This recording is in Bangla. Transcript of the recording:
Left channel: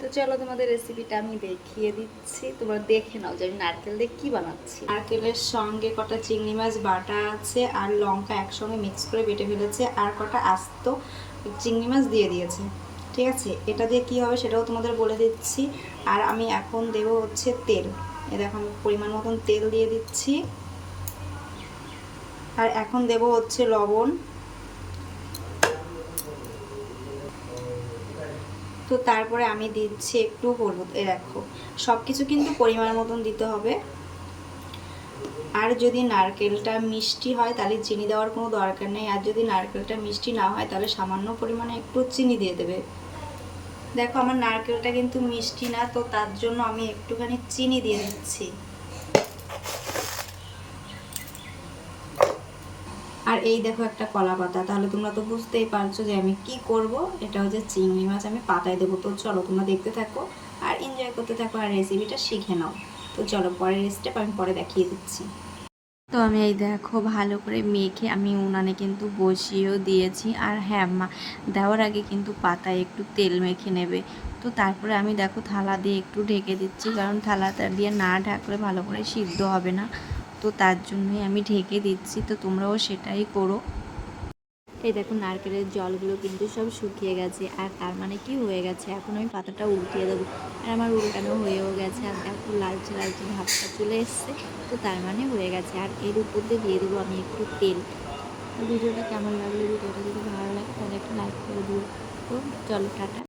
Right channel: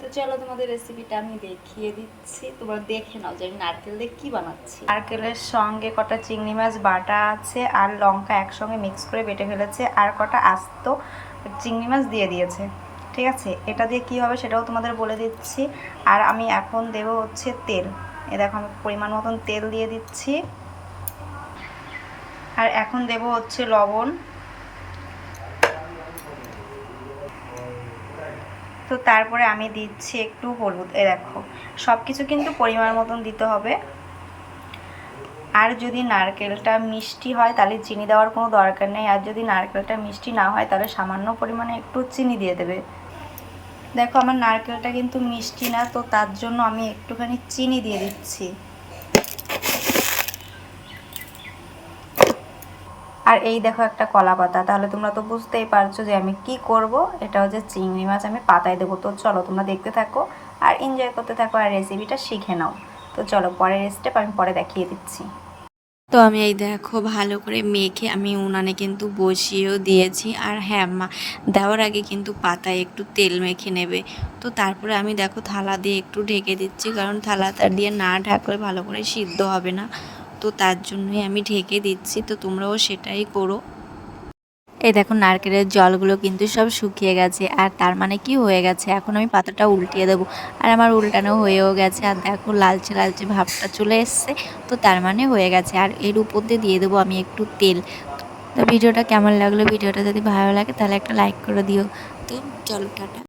তো চলো তোমাদের রেসিপিটা আমি দেখিয়ে দিচ্ছি, তোমরা দেখে নাও যে আমি নারকেল দিয়ে কী বানাচ্ছি। নারকেলের সঙ্গে কটা চিংড়ি মাছ বাটা আছে আর লঙ্কা একসঙ্গে মিক্স করে বেটে ফেলেছে আর কটা আস্ত চিংড়ি মাছ দিয়ে দিয়েছে। ঠিক আছে, এটা দিয়ে কী হবে সেটাও তোমাদের বলে দিচ্ছি। আর আমি এখন দেবো হচ্ছে তেল। এ দেখো আমি পরিমাণ মতন তেল দিয়ে দিচ্ছি। আর এখন দেবো হচ্ছে লবণ। তো তারপরে আমি দিচ্ছি একটু হলুদ। এ দেখো সব কিছু কিন্তু পরিমাণ মতন দিতে হবে। আর যদি নারকেলটা মিষ্টি হয় তাহলে চিনি দেওয়ার কোনো দরকার নেই, আর যদি নারকেলটা মিষ্টি না হয় তাহলে সামান্য পরিমাণে একটু চিনি দিয়ে দেবে। দেখো আমার নারকেলটা কিন্তু মিষ্টি না, তো তার জন্য আমি একটুখানি চিনি দিয়ে দিচ্ছি। আর এই দেখো একটা কলা পাতা, তাহলে তোমরা তো বুঝতেই পারছো যে আমি কি করব। এটা হচ্ছে চিংড়ি মাছ আমি পাতায় দেবো। তো চলো তোমরা দেখতে থাকো আর এনজয় করতে থাকো আর রেসিপিটা শিখে নাও। তো চলো পরের স্টেপ আমি পরে দেখিয়ে দিচ্ছি। তো আমি এই দেখো ভালো করে মেখে আমি উনানে কিন্তু বসিয়েও দিয়েছি। আর হ্যাঁ, দেওয়ার আগে কিন্তু পাতায় একটু তেল মেখে নেবে। তো তারপরে আমি দেখো থালা দিয়ে একটু ঢেকে দিচ্ছি, কারণ থালাটা দিয়ে না ঢাকলে ভালো করে সিদ্ধ হবে না। তো তার জন্যই আমি ঢেকে দিচ্ছি। তো তোমরাও সেটাই করো। এই দেখো নারকেলের জলগুলো কিন্তু সব শুকিয়ে গেছে, আর তার মানে কি হয়ে গেছে, এখন আমি পাতাটা উল্টিয়ে দেবো। আর আমার উল্টানো হয়েও গেছে, আর দেখো লালচে লালচে ভাবটা চলে এসছে। তো তার মানে হয়ে গেছে। আর এর উপর দিয়ে দেবো আমি একটু তেল। তো ভিডিওটা কেমন লাগলো, ভিডিওটা যদি ভালো লাগে তাহলে একটা লাইক করে দিও। তো চলো টাটা।